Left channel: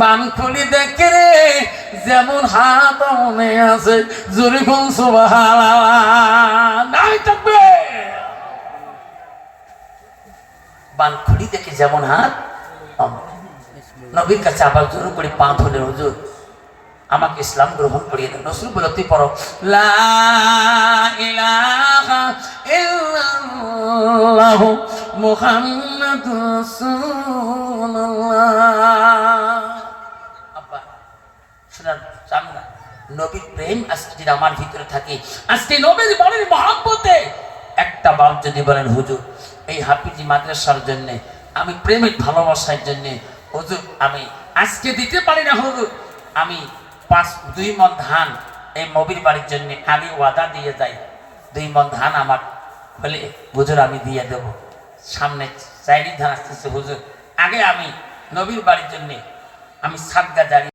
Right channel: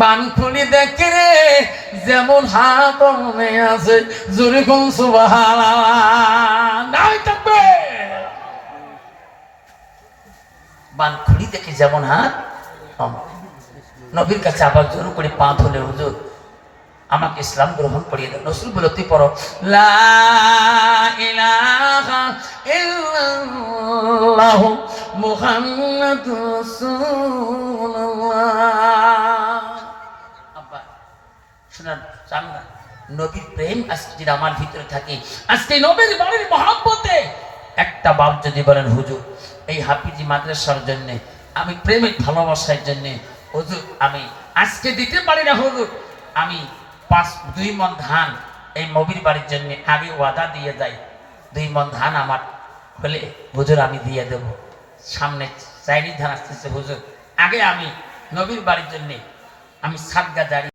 বান খুলি দেখে রে যেমন হাত মনে আছে জোরে কোন সুবহানাল্লাহ নাই থাকবে। বান খুলি দেখে যেমন হাত, নবীর কাছে আবার জোর করে পা ধরে হুজুর আমাকে ইসলাম গ্রহণ করিয়ে দেন। রাসূল বলে তুই পড়ো লা ইলাহা ইল্লাল্লাহু মুহাম্মাদুর রাসূলুল্লাহ। আব্বা শুনুন, নবীর প্রেম আজকে যদি আমার ভিতরে থাকে, আজকে নবীর বাড়ির মহব্বতে একটা বাপ যদি বলেন হুজুর এই হাফিজি মাদ্রাসার জন্য আমি প্রেমের ভালোবাসার জন্য হুজুর আমি আজকে দিতে পারি না হুজুর, আমি 2 মণ ধান এই নবীর বাড়ির জন্য আগে ওয়াদা দিয়ে যাই, 2 মণ ধান আমার হলে হুজুর আমি দিয়ে দেব। সামনে চাইনি ধান আসতেছে হুজুর, আগে আমি নবীর বাড়ির জন্য আমি সাদকা জারি